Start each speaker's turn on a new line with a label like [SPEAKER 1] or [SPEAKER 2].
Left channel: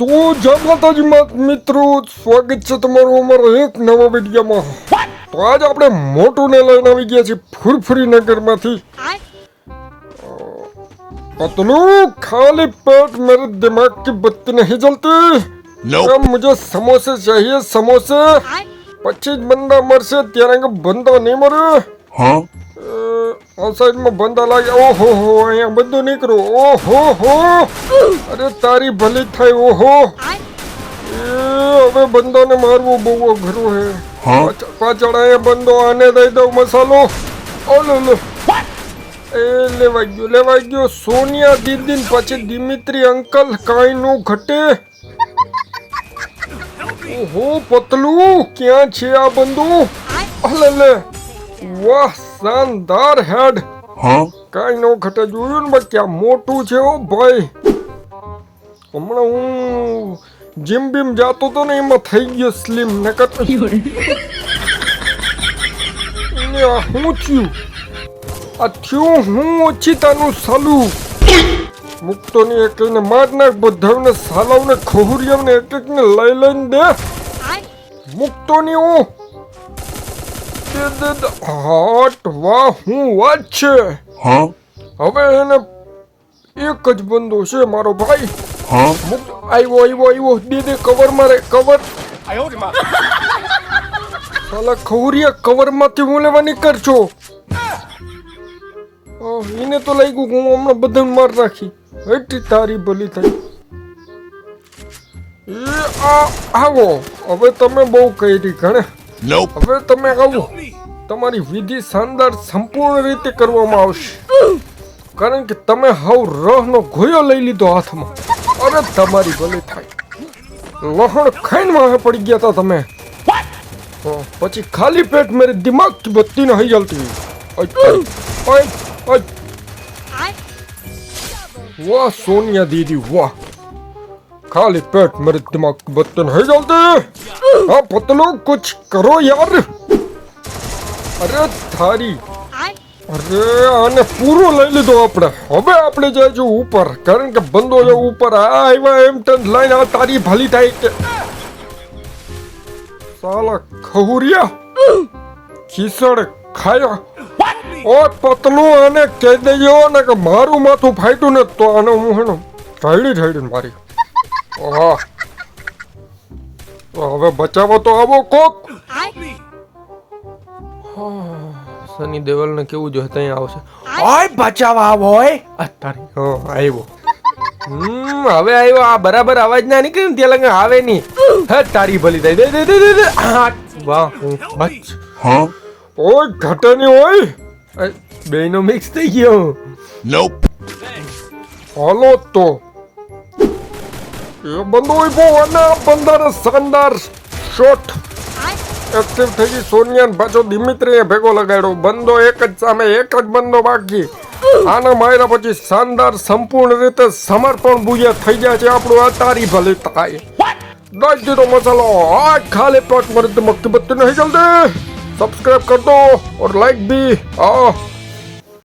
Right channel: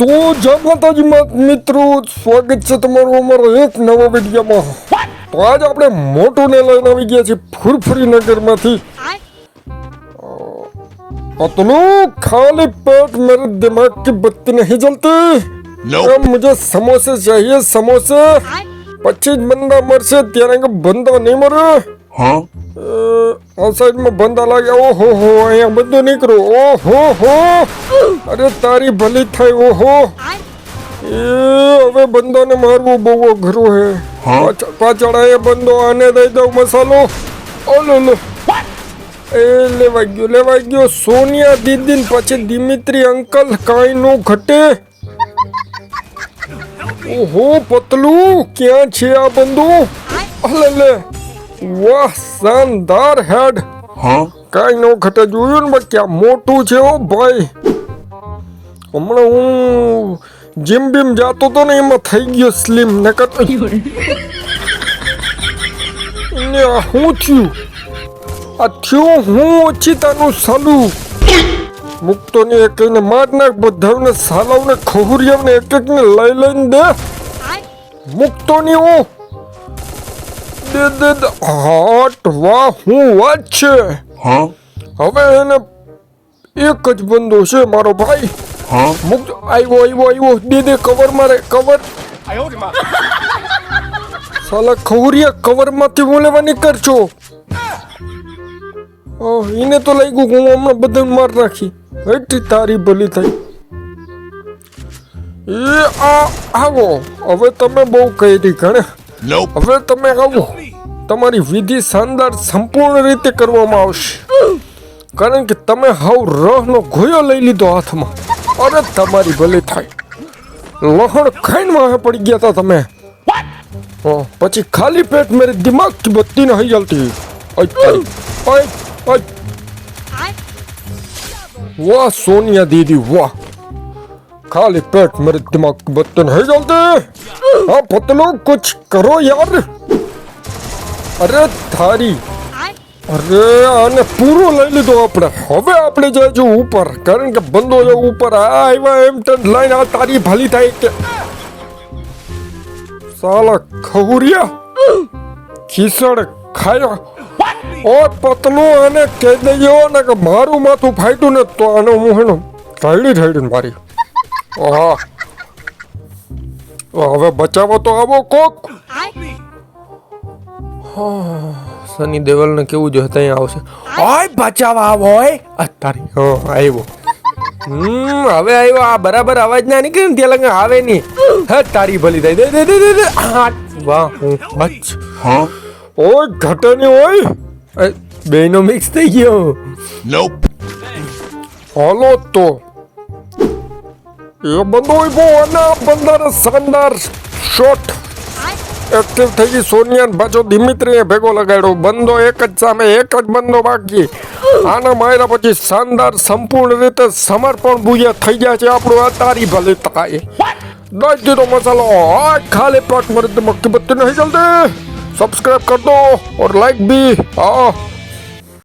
[SPEAKER 1] તો જગત જ મિત્રો સ્વાગત છે તમારું અમારો એક નવો વિડીયોમાં. તો આજે આપણે મોટું ને લઈને આવી ગયા છીએ ફુરફુરી નગરમાંથી. પતલું ખાલી પેટ મેરે દિમાગ કી બત્તી
[SPEAKER 2] નહીં
[SPEAKER 1] જલતી? મુજે સમોસે ચાહીએ સમોસે. પછી જ બંદા મરશે ત્યારે બંદા નહીં મરે.
[SPEAKER 2] હા
[SPEAKER 1] અ, આ સાઈડમાં બંદા લાગે ઓહો હો અહીંયા બધું નીકળ્યું ઓહો હો અરે તારી ભલી થાય ઓહો એ હવે બંદાને મારવું બહુ અઘરું હે
[SPEAKER 2] હા?
[SPEAKER 1] પાછળ- પાછળ અહીંયા બંદો આને દઈ દઉં મસાલો ઓલો લો એ લેવાઈ ગયો લેવાઈ ગયો સોનિયા દીદી ને પછી દિમિત્રી અંકલ કાંઈ નો ઘટે ઓહો પતલું ક્યાં છે આ બંદો અલે લે વાહ શાનદાર હેડ.
[SPEAKER 2] હા?
[SPEAKER 1] કઈ નો ઘટે જોયું ને બચ્ચા મોટું છે ઓ ભાઈ. હમણાં હું જીમ બીમ જાતો તો ને એમાં થઈ ગયો સ્લિમ નકર ને હું થયું? આ થયું હું ઓછીતાનું સાલું. મુકતો ને એક ને માર નાખ બધાને સાલાવને ખોહરિયાને એક એકને લઈ લઈને દે. મુકતો ને હું હાટ વાહ હું વાત છે
[SPEAKER 2] હા
[SPEAKER 1] હવે એને એક જ બંદો છે મારો ભાઈ
[SPEAKER 2] હા
[SPEAKER 1] મુક આવ્યો આવ્યો આવ્યો દે દે કવર મારે કવર સાલા ખવરિયા કવરમાંથી હું લેવાની નીકળશો છો એને તો લાગ્યું કે હું હમણાં બધા માર નાખી એટલી તારી ભલી થઈ એ આ આવો હવે તમે બહુ કહી ગણે
[SPEAKER 2] Nope.
[SPEAKER 1] હવે તમે આવો. તમારી વિધિ શાનદાર સંપૂર્ણ રીતે કરવામાં આવશે. કારણ કે તમે હાવ રહનો ગોયો લઈ લીધો હાથમાં. અરે તમારી ભલે થાય. લહણ ખાઈને વાહ પડી ગયા હતા તમે. પછી ખાલી પેટ મેરે દિમાગ કી બત્તી નહીં જલતી. વાહ સોનિયા દીદી વાહ. दीदी वाह खाली पेट मेरे दिमाग की बत्ती नहीं जलती हाँ पतलो कुछ करो यार અરે થારી અરે આને પૂરો લઈ લીધો આપણે હવે આપણે જઈશું ઉપર કારણ કે બંદો જે ઉપર આ આવ્યા એમ તેમ લઈને આ તારી ભલી થાય કે સાલા ખહુરિયા ખીસડ ખાયો ઓ પતલું આને કહી દેજો ને કે મારું માથું ફાટ્યું ને તો આને હું હેને ઢાળી ઢાળી મારી ઓહો. હવે બચાવો તો આવો કોક. સની દેવલ ને કેવું જો ત્યાં આવશે. ઓય બચાવા આવો હોય અત્યારે હા આવ્યો હમ હવે આવ્યો આ બરાબર અવાજ ના નીકળે ને ત્યાં લગે આવે નહીં. હે તારી ભલી થાય. દે દે દે દે હા, વાહ હું બચ.
[SPEAKER 2] Huh?
[SPEAKER 1] ઓય ઘટે નહીં ઓય બેનો મિક્સ થઈ ગયો.
[SPEAKER 2] નોપ
[SPEAKER 1] હાલો તો. એ બંધો ઊભો અને બંદર શાનદાર શોટ એક્ટિવ થઈ ગઈ સોનિયા પાછો દિમિત્રીએ ભેગો લગાડ્યો, બંદો એક જ સામે એક જ બંદો બાકી. આના માર્યા પછી શાનદાર સંપૂર્ણ રીતે સમર્પણ ભૂયા થઈ ગયા છે, આપણું આ તારી ભલે તકાય દસ જીરો મસાલો, આ ખાલી પાંચ મિનિટમાં કિંમત નહીં ચાલતી સબસ્ક્રાઇબ કર દો ઓર લાઈક બી. હા